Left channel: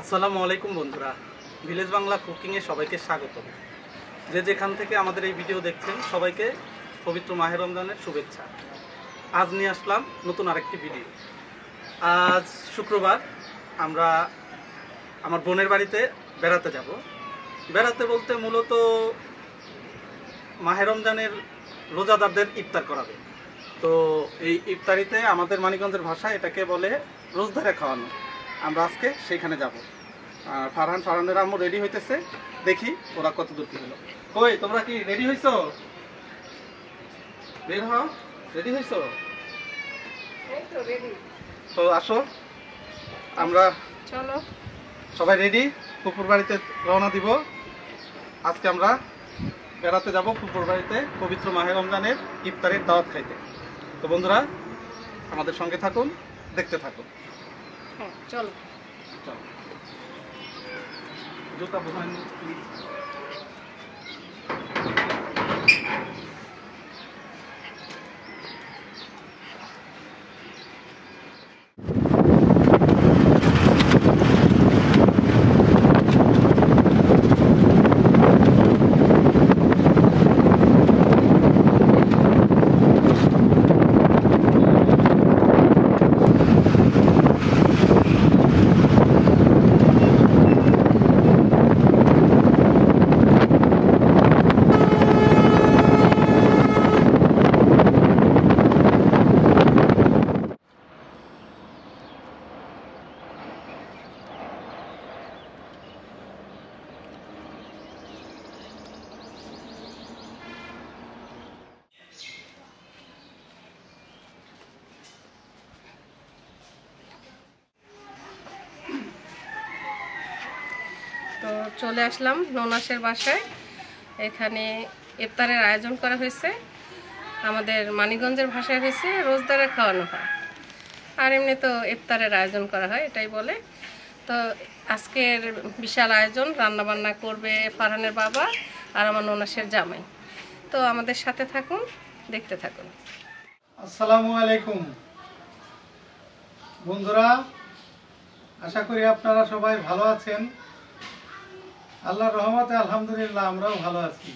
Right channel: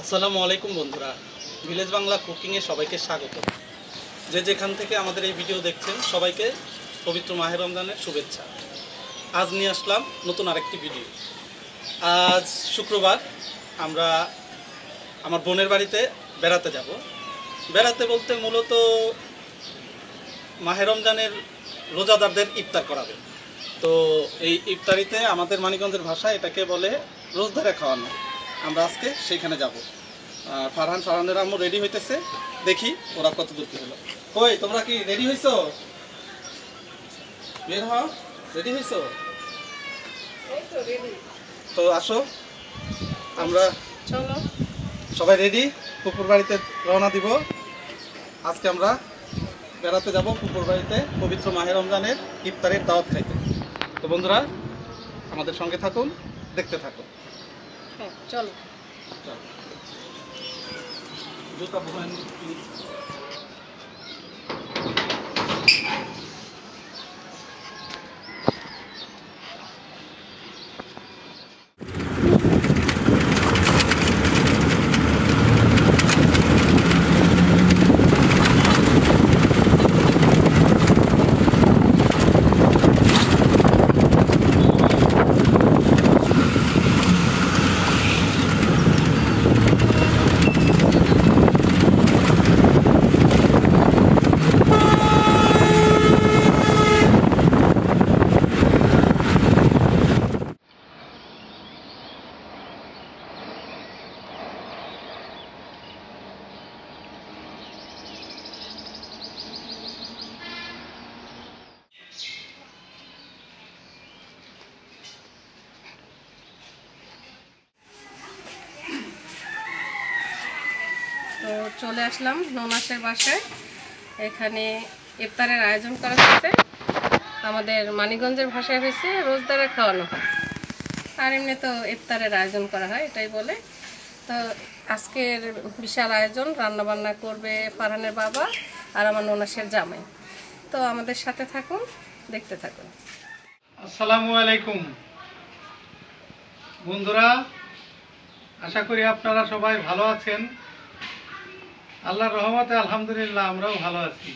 আসসালামু আলাইকুম বন্ধুরা, ভিলেজ বাংলা কুকিংয়ে সবাইকে স্বাগত। যে যেখান থেকে আমাদের এই ভিডিও দেখছেন সবাইকে পবিত্র মাহে রমজানের শুভেচ্ছা। আজ নিয়ে আসলাম নতুন আরেকটি ভিডিও। আজ শুক্রবার, আমরা আমার বোনের বাড়িতে বেড়াতে যাব। বেড়াতে বলতে মূলত মাহে রমজানের রোজাদারদের ইফতার করাবে। তো এই ইফতারিতে আমাদের মানিকগঞ্জের ভাষায় এটাকে বলে রোজদারে খাওয়ানো। আমরা আজকে সেইখানে যাব। ফারহানের আম্মু রেডি হইতেছে, দেখি ওরা কত দূর কি হলো। কই তোমরা কি রেডি হইছো? বের হও, রেডি হইছো? তো আসো, আমরা চলো সবাই রেডি। পুকুর বাড়িতে রওনা দিব। আজকে আমরা বেড়াতে যাব পুকুর বাড়িতে পবিত্র মাহে রমজানের ইফতারের দাওয়াত খাইতে। তো বন্ধুরা আমাদের সঙ্গে থাকুন, দেখতে থাকুন। চলো চলো, জুতা বহান প্লিজ। তো চলে আসলাম ননাসের বাসায়। এখানে ইফতারের আয়োজন করা হয়েছে। আমাদের মানিকগঞ্জের ভাষায় হয়েছে রোজদারে খাওয়ানো হয়, আর এমনি তো ইফতারের আয়োজন করা হয়, এটাই বলে। তো আজকের বিশাল আয়োজন, রান্নাবান্না করবে ফারহানের বাবা আর আমার ননাসের জামাই। তো আমাদের সাথে থাকুন, দেখতে থাকুন। আসসালামু আলাইকুম বন্ধুরা, আশা করি আপনারা সবাই ভালো আছেন। আল্লাহর রহমতে আলহামদুলিল্লাহ আমরাও ভালো আছি।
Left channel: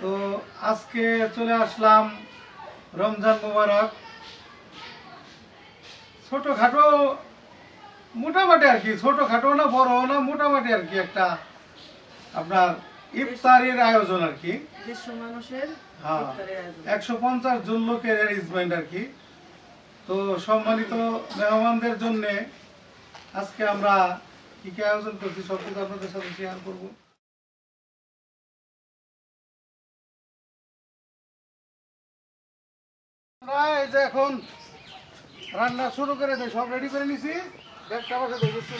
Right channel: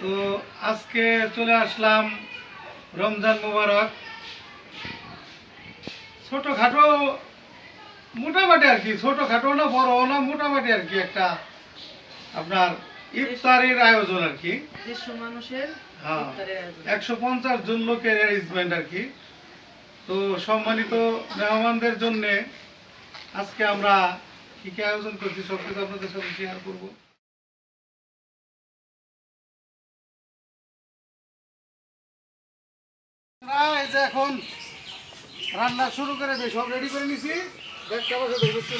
তো আজকে চলে আসলাম রমজান মুবারক। ছোটোখাটো মোটামুটি আর কি, ছোটোখাটো না বড় না, মোটামুটি আর কি একটা আপনার ইফতারির আয়োজন আর কি। হ্যাঁ, 150 জন লোকের অ্যারেঞ্জমেন্ট আর কি। তো সম্মানিত মেহমানদের জন্য আজকে আমরা কি কি আয়োজন করছি সবকিছু আপনাদের সাথে শেয়ার করবো। আমরা এই যে এখন রান্না শুরু করে দেয়, সব রেডি করে নিছি। একটা বসে দেখেছি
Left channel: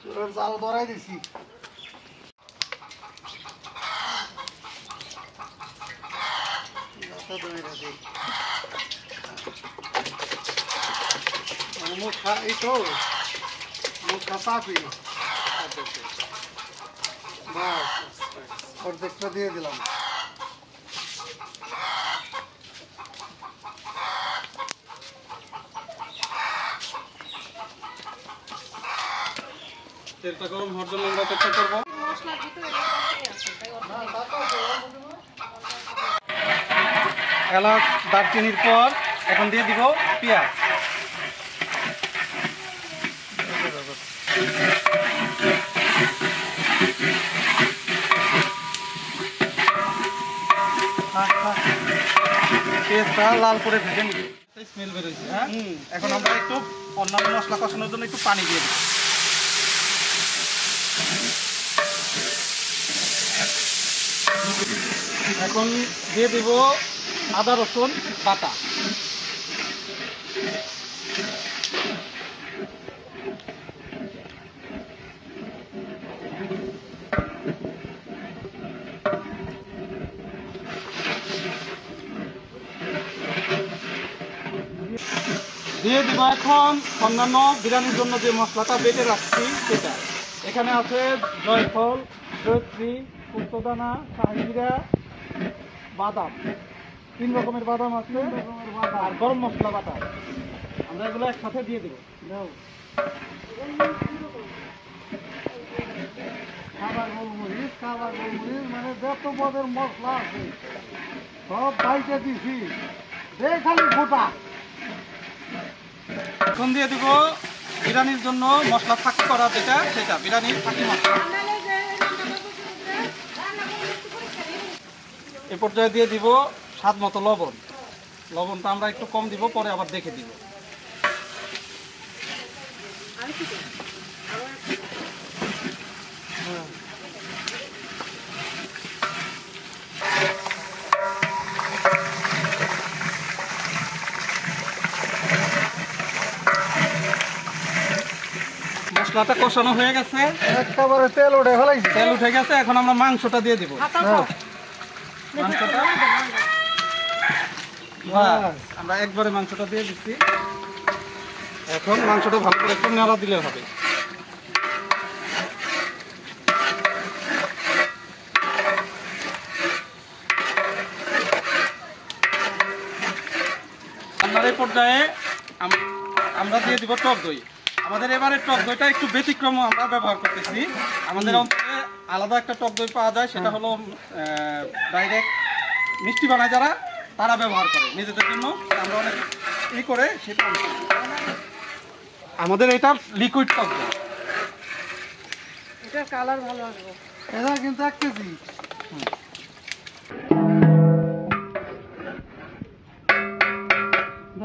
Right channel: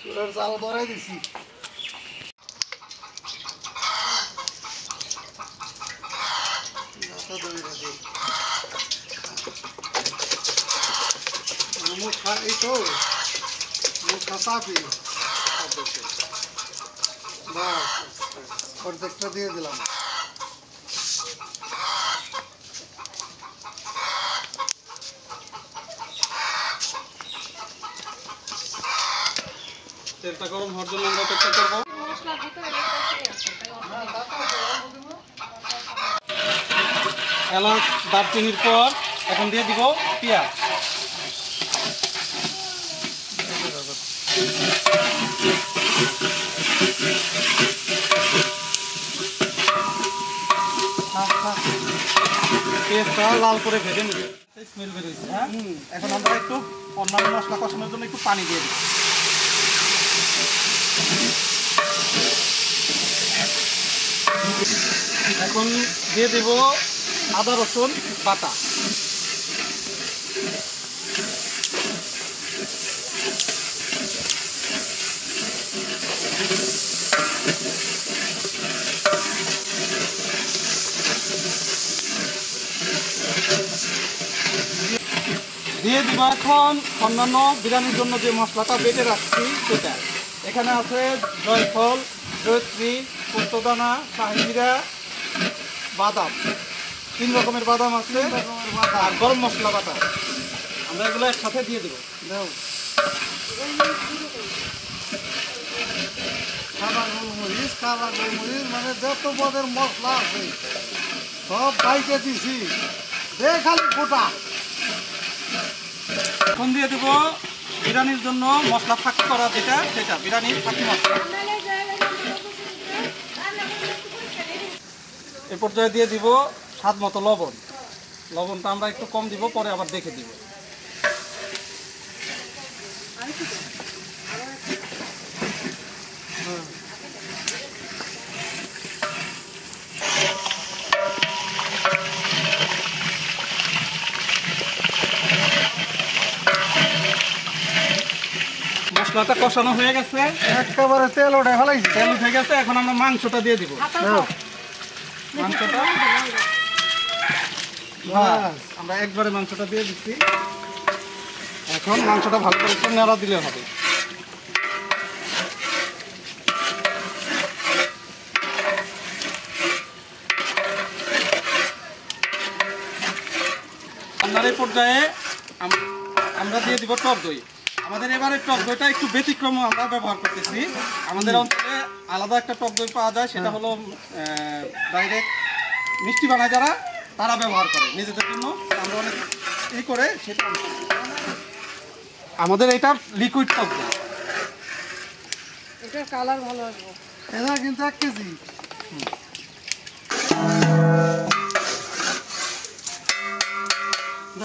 চুলার চাল ধরাই দিছি। মুখা এই তো মুখা চাপি বাস অর্ধেকটা দিয়ে দিলাম। তেলটা গরম হওয়ার জন্য আমরা অপেক্ষা করবো। এলাচ দারচিনির পর এখন দিয়ে দিব পেঁয়াজ। পেঁয়াজটা লাল করে ভেজে নিব, স্মেল বেরোচ্ছে। হ্যাঁ, এখন আমরা একটু অন্যান্য মশলা কষানোর জন্য একটু পানি দিয়ে দিই। এখন দিয়ে দিব আদা রসুন বাটা। দিয়ে দিব এখন অন্যান্য বিরিয়ানির জন্য যে মশলাটা বেটে রাখছি সেটা। এখানে আছে জয়ফল, জয়ত্রী, পোস্তদানা, শাহিজিরা, বাদাম, 3 রকমের বাদাম আছে, আর গরম মশলা বাটা, আমরা এগুলো একসাথে দিয়ে দেবো। দাও খাবার গোলমরিচ, মানে যত পদের মশলা আছে সব বাইকে দিছি, দে খালি ফোটা। এখন দিয়ে দেবো বিরিয়ানির জন্য মশলা ফাঁকি করা যেটা, সেটা বিরিয়ানির ফাঁকি মশলা। এ পর্যায়ে দিয়ে দিব স্বাদ মতো লবণ। লবণটা আমরা একটু কম দিব, পরে আবার দেখে দিব। মশলাটা কষানো হয়ে গেছে, একেবারে তেল উঠে ফেলাইছি। তেল উঠে গেছে। এখন আমরা মাংসটা দিয়ে দিব। মাংসটা আমরা একবারে মাংসটা দিয়ে দিচ্ছি। এখন মাংসটা ভালো করে একটু নেড়া দিলে হবে। রান্নার এই পর্যায়ে আমরা দিয়ে দিব টক দই। আমাদের এবারের টক দইটা একটু ব্যতিক্রম আমরা ব্যবহার করতেছি। আমাদের অঞ্চলে আলাদা একটা টক দই পাওয়া যায়, সেটা হলো ডাইরেক্ট মিষ্টি বানায় যারা, তারা ব্যবহার করে নিজেদের জন্য। আমরা অনেক ই করে সেটা আমাদের এটা লিকুইড টক দই। এটা কালার ভালো আসবে। এটা কিন্তু 1 কেজি।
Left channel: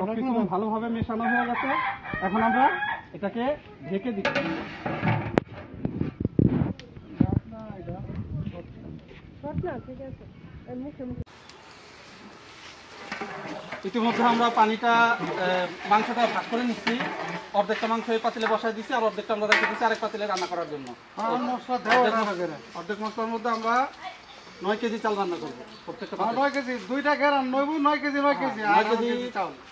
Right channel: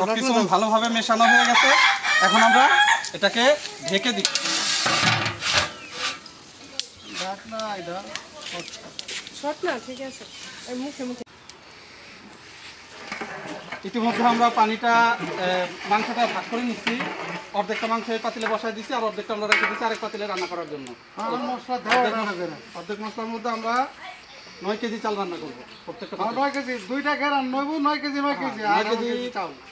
সবকিছু ভালোভাবে মেশানো হয়ে গেছে। এখন আমরা এটাকে ঢেকে দিই। ইতিমধ্যে আমরা পানিটা মাংসটা ভাগ করে নিচ্ছি। অর্ধেকটা মাংস এই পাতিলে বসায় দিচ্ছি, আর অর্ধেকটা আমরা রেখে দিচ্ছি আরেক পাতিলে রান্না করার জন্য। অর্ধেক মশলার মধ্যে আমরা 9 কেজি চাল রান্না করবো। প্রত্যেকটা 9 কেজি, 2টা ঘেরান 9 কেজি 9 কেজি। 9 কেজি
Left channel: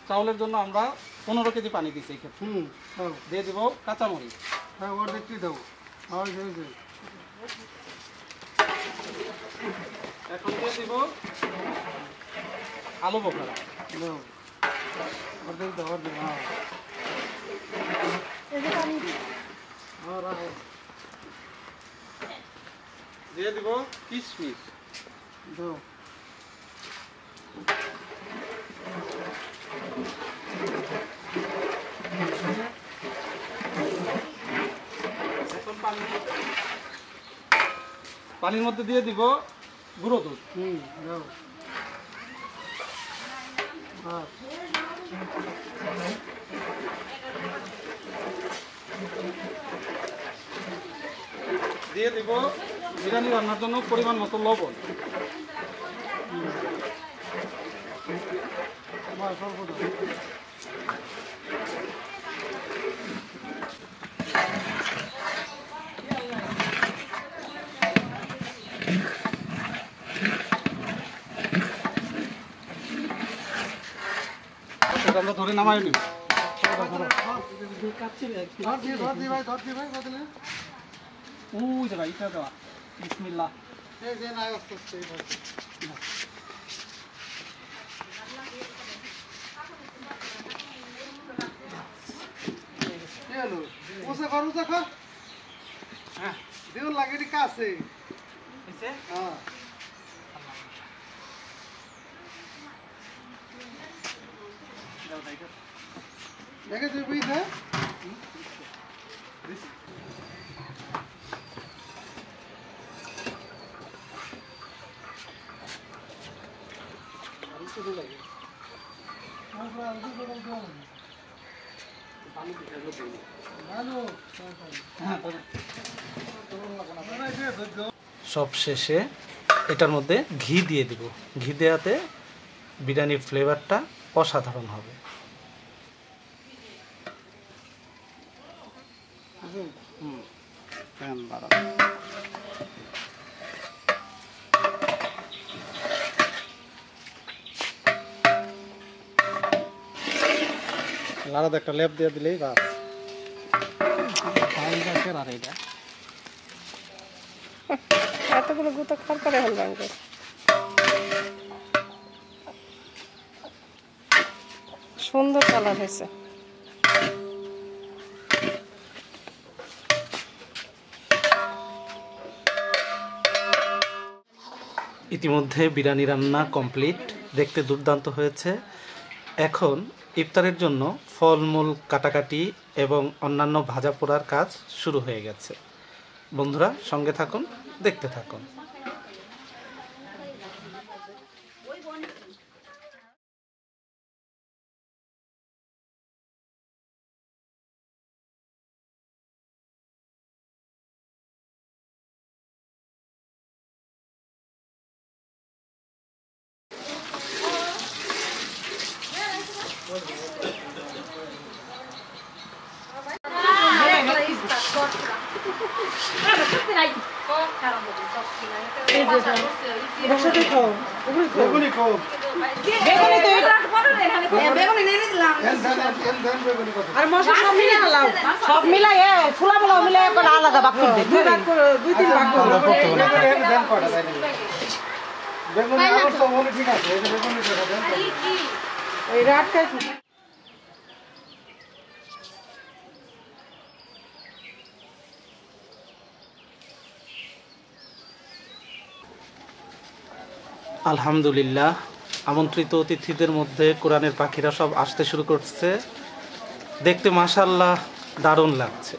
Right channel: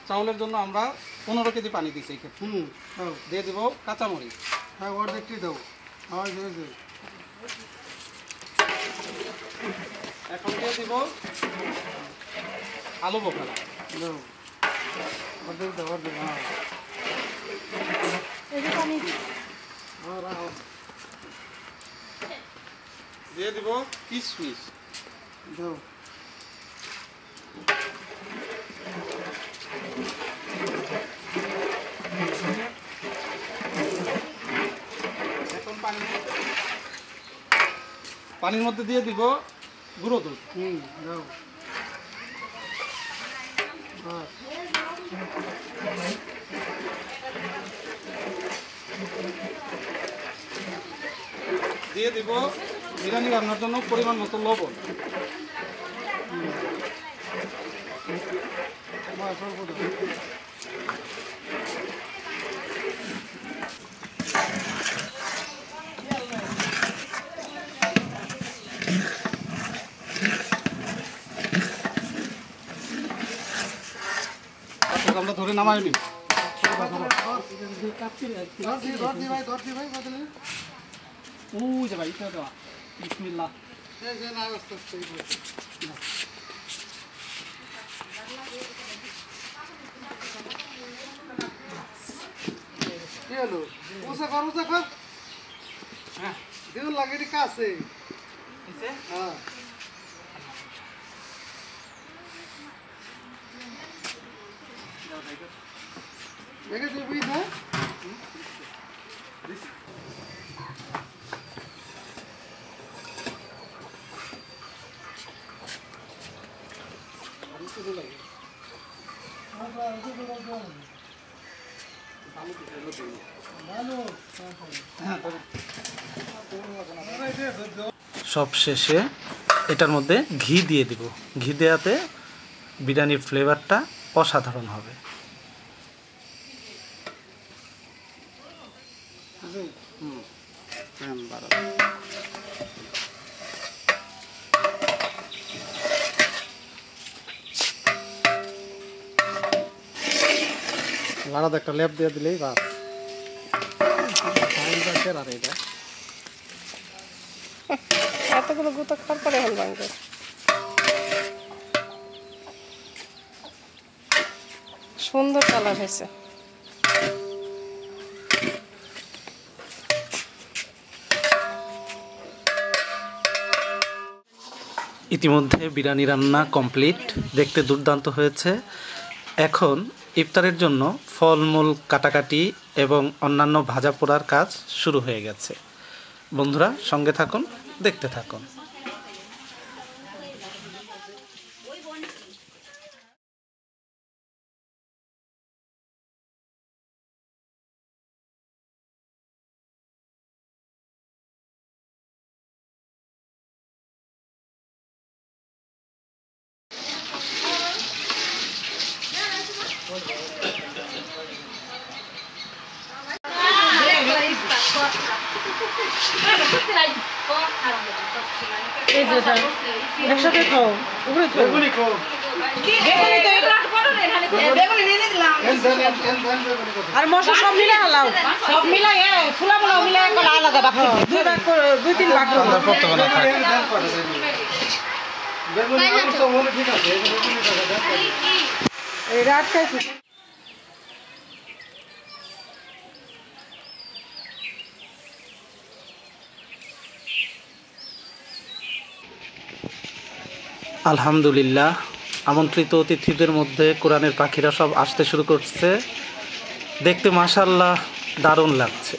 চাউলের জন্য আমরা 15 কেজি পানি দিচ্ছি এই ক্ষেত্রে। দিয়ে দিব কাঁচামরিচ। হ্যাঁ, অর্ধেকটি দাও। এখন দিয়ে দিব আলু বোখারা। দাও অর্ধেক দাও, অর্ধেক। দিয়ে দিব কিশমিশ। দাও এখন পানির মধ্যে দিয়ে দিব গুঁড়ো দুধ। দাও। দিয়ে দিব বিরিয়ানি রান্নার জন্য পরিমাণ মতো লবণ। আমরা ধরে নামাই নি। ওই যে ভাই, এটা দেওয়া। বিসমিল্লাহ। হ্যাঁ, দিও লাগে কাছে। হ্যাঁ, দেখে দিবি না। সব শেষে এটার মধ্যে ঘি দিয়ে দিব। ঘি দেওয়াতে বিরিয়ানির ফ্লেভারটা অসাধারণ হবে। আলাদা একটা লেপ দিয়ে দিলেই বা এতগুলো গুঁতো খাওয়ার পরে হল ভাঙবে। সুন্দর কালার হয়েছে। ইতিমধ্যে বিরিয়ানি রান্না কমপ্লিট, দেখতে দুর্দান্ত হয়েছে। এখন ইফতারের জন্য ফলমূল কাটাকাটি এবং অন্যান্য ভাজা পোড়ার কাজ শুরু হয়ে গেছে। বন্ধুরা সঙ্গে থাকুন, দেখতে থাকুন। সব মিলাই ফুলা ফুলা মিলাই আলাদা বাক্য দুই তিন বাক্য ঠিক আছে। আলহামদুলিল্লাহ, আমন্ত্রিত অতিথিদের মধ্যে কোরআনের পাখিরা সব আসতে শুরু করছে। দেখতে মাশাআল্লাহ দারুণ লাগছে।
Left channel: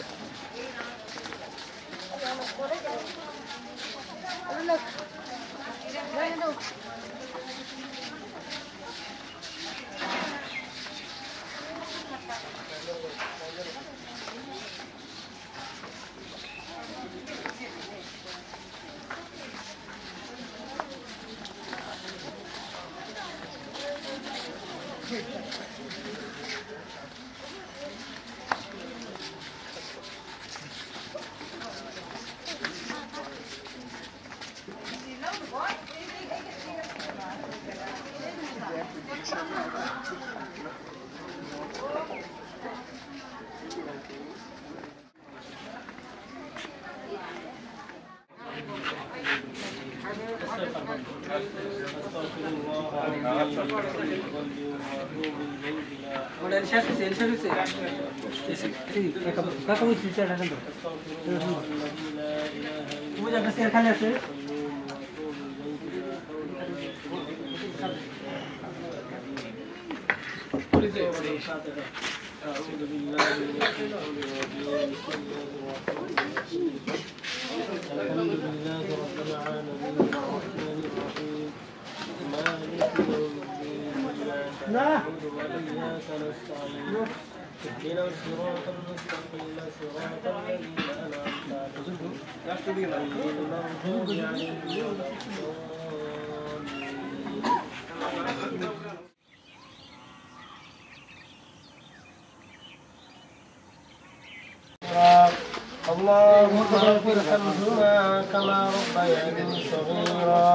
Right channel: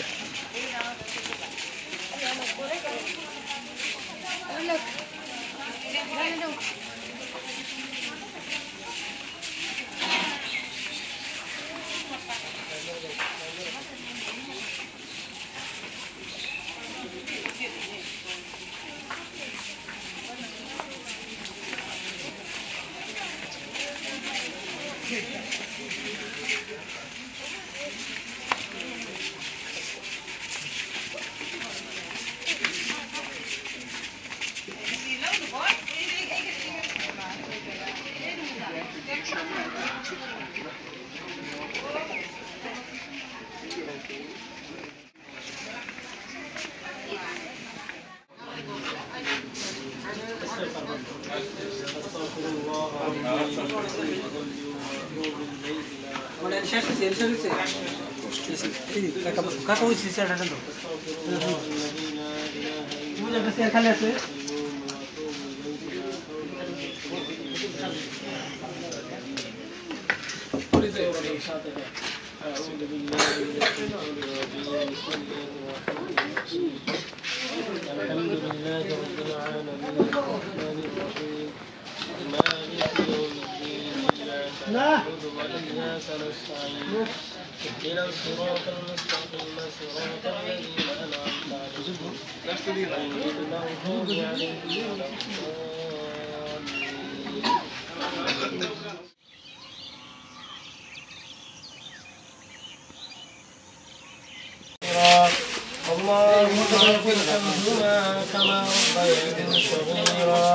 اللهم اغفر ارحمهما كما ربياني صغيرا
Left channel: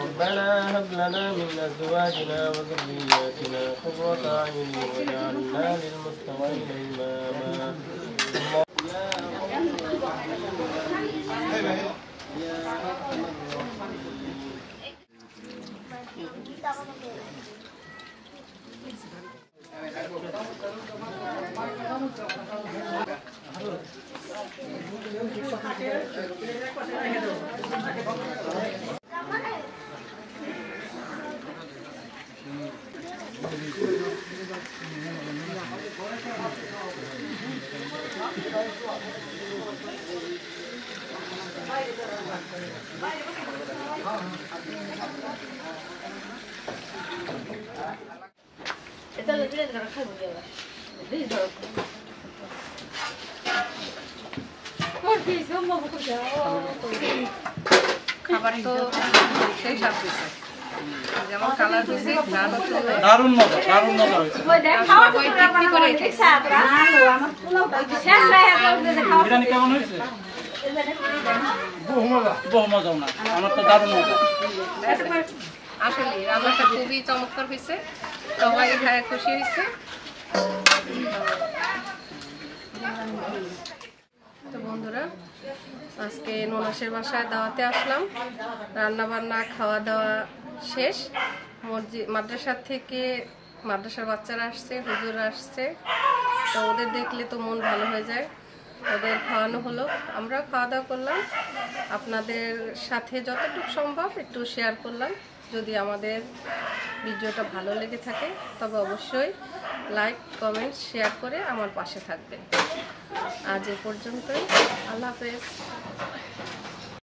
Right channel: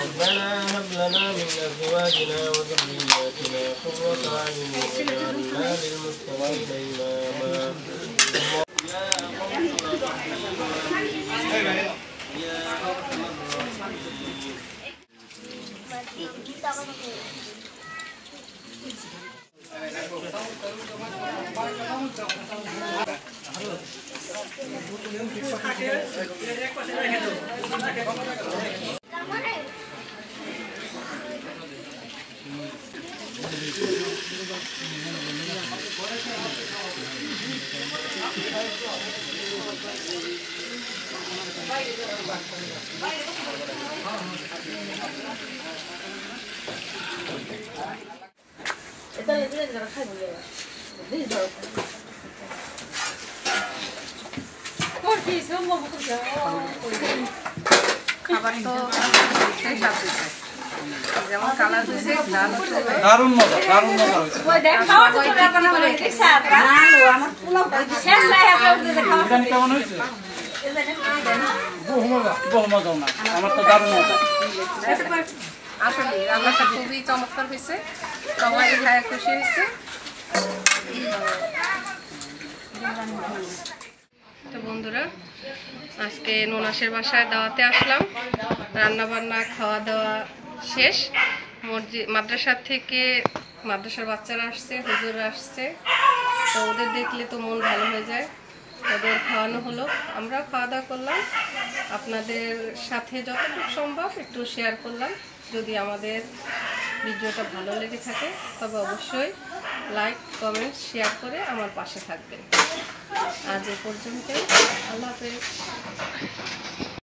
ربنا هب لنا من ازواجنا وذرياتنا قرة اعين واجعلنا للمتقين اماما খাবার তো শেষ আছে, যেমন কালার হয়েছে দারুণ মজা, দারুণ মজা হয়েছে। বিরিয়ানি কেমন হয়েছে? বহু মজা না, আমার তো দারুণ মজা। আসলে রান্নাটা খুবই চমৎকার হয়েছে, সবাই খায় খুশি হয়েছে। তো বন্ধুরা, আজকে ননাসের বাসায় দাওয়াতে আসলাম। রান্না বান্না খাওয়া দাওয়া শেষ। মাদ্রাসা থেকে মাদ্রাসার বাচ্চারা আসছে, হুজুররা আসছে, তো ওদের দেখলে তো মন ভালো হয়ে যায়। ওদের খাওয়ানো হলো, আমরাও খাওয়া দাওয়া করলাম, আপনাদের সাথে যতটুকু সম্ভব একটু শেয়ার করলাম। যদি আমাদের ভিডিওটা ভালো লেগে থাকে তবে অবশ্যই লাইক, কমেন্ট, শেয়ার করে আমার পাশে থাকবেন। আজ এ পর্যন্তই, আল্লাহ হাফেজ।